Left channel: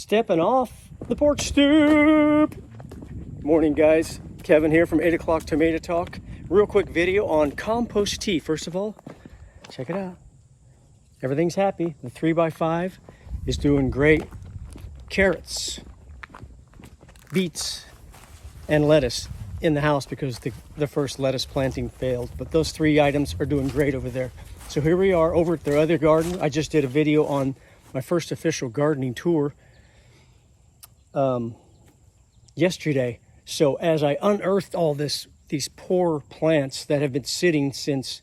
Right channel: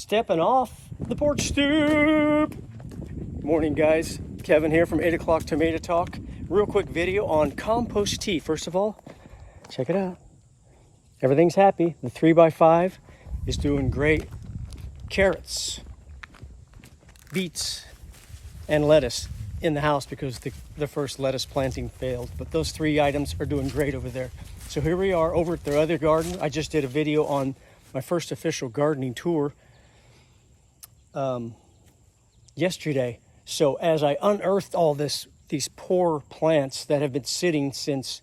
Stepping off the porch stoop. Morning, guys. Kevin here from 8 o'clock Tomato Talk. Real quick video on compost tea. First of all, check it out. Everything's happy. The 3x5 is doing great. Carrots, beets, and lettuce in the house because the first lettuce planting failed. But those three items are doing great over there. So here we are over at their other garden. I just did a video on my first official gardening tour yesterday. So as I unearthed all these poor plants that have been sitting since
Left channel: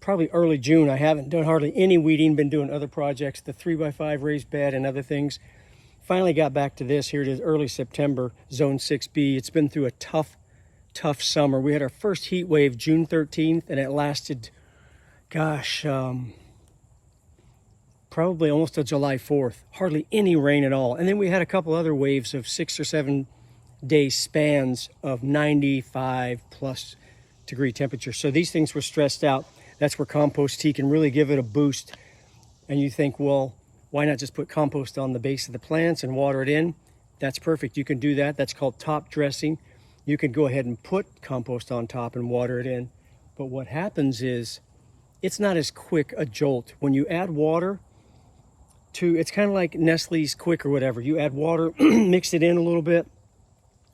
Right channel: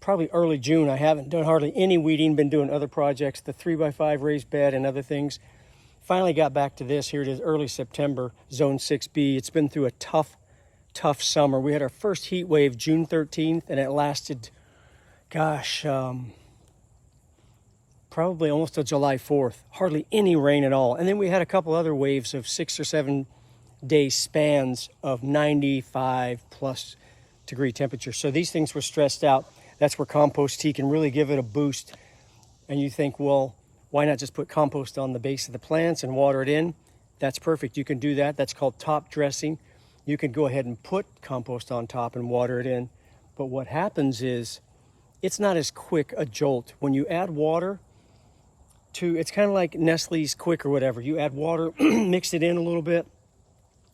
probably early June, I haven't done hardly any weeding, been doing other projects, the 3x5 raised bed and other things. Finally got back to this. Here it is, early September, zone 6B. It's been through a tough summer. We had our first heat wave June 13th, and it lasted, gosh, probably almost to July 4th. Hardly any rain at all. And then we had a couple other waves of 6 or 7 day spans of 95 plus degree temperature. So these things were stressed out. That's where compost tea can really give it a boost. And you think, well, why not just put compost on the base of the plants and water it in? That's perfect. You can do that. That's called top dressing. You can go ahead and put compost on top and water it in. But what happens is it's not as quick a jolt. When you add water to, it's kind of like Nestle's Quick or whatever. You add water, mix it in a little bit,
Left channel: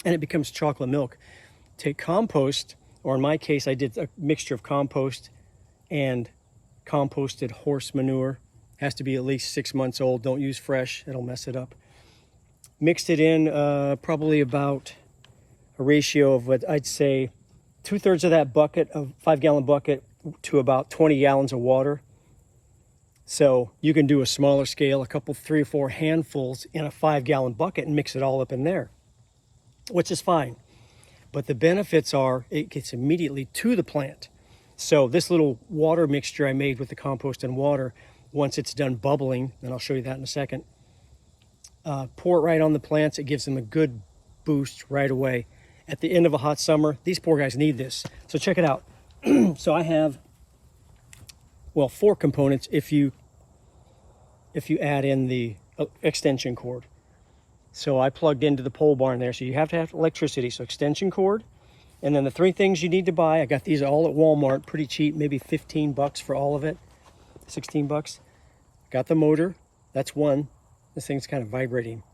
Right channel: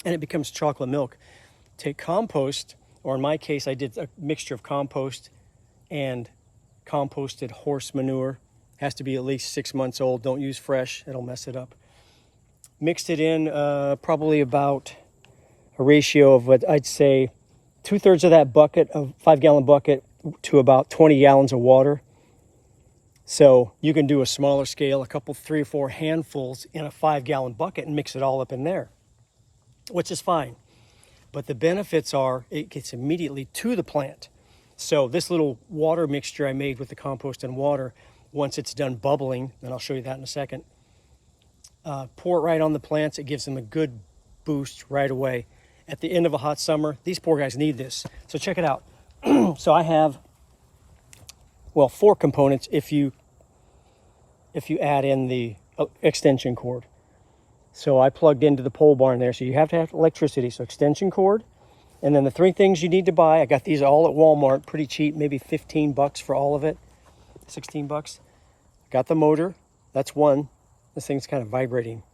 and it becomes chocolate milk. Take compost, or in my case, I did a mixture of compost and composted horse manure. Has to be at least 6 months old. Don't use fresh, it'll mess it up. Mixed it in probably about a ratio of what I'd say 2/3 of that bucket, of 5-gallon bucket, to about 20 gallons of water. So you can do a smaller scale, a couple, 3 or 4 handfuls in a 5-gallon bucket and mix it all up in there, which is fine. But the benefits are it gets immediately to the plant. So this little water mixture I made with the compost and water, once it's done bubbling, and I'll show you that in a second, pour it right on the plants. It gives them a good boost right away. At the end of a hot summer, these poor guys need this. So check it out. So I have, well, 4 components if you add in the extension cord. So I plugged into the pole barn there. So you have to have electricity. So extension cord. And then the 3 things you need to buy. I got these all at Walmart, pretty cheap, maybe 15 bucks for all of it. 16 bucks. Got the motor. That's one. This thing's kind of vibrating.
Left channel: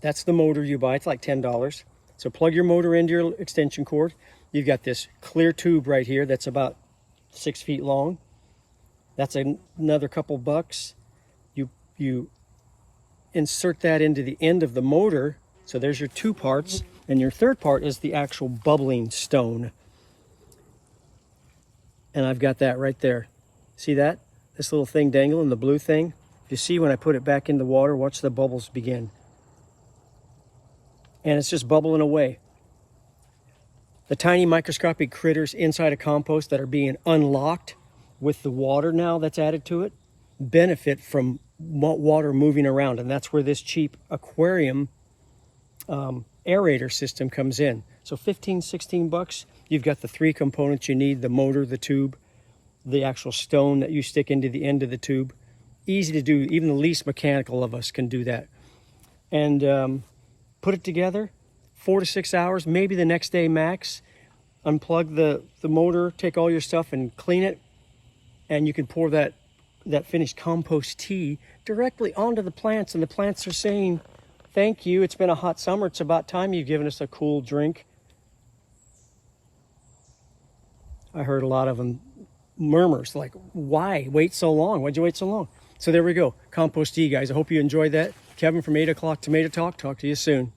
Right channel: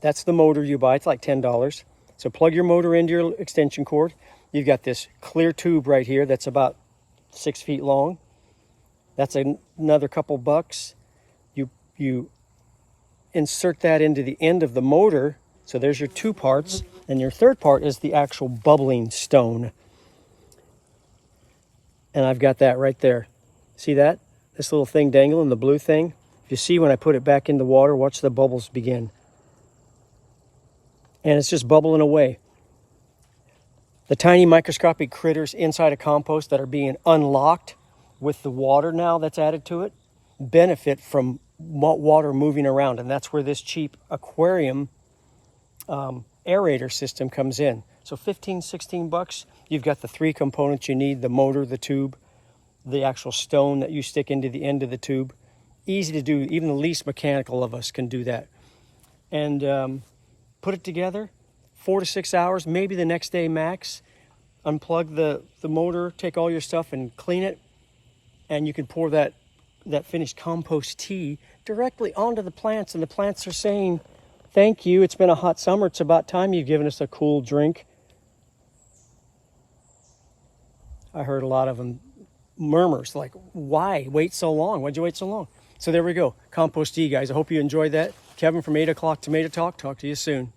That's the motor you buy. It's like $10. So plug your motor into your extension cord. You've got this clear tube right here that's about 6 feet long. That's another couple bucks. You insert that into the end of the motor. So there's your 2 parts. And your 3rd part is the actual bubbling stone. And I've got that right there. See that? This little thing dangling, the blue thing. If you see when I put it back in the water, watch the bubbles begin. And it's just bubbling away. The tiny microscopic critters inside a compost that are being unlocked with the water now that's added to it benefit from water moving around. And that's where this cheap aquarium aerator system comes in. So 15, 16 bucks. You've got the 3 components you need, the motor, the tube, the actual stone that you stick into the end of the tube. Easy to do. Even the least mechanical of us can do that. And put it together, 4 to 6 hours, maybe the next day max. Unplug the motor, take all your stuff and clean it. And you can pour that finished compost tea directly onto the plants. And the plants are saying, thank you. It's been a hot summer. It's about time you've given us a cool drink. I heard a lot of them murmurs like, why wait so long? Why'd you wait so long? So there we go. Compost tea, guys. I hope you enjoyed that. Kevin from 8 o'clock Tomato Talk. Talk to you soon.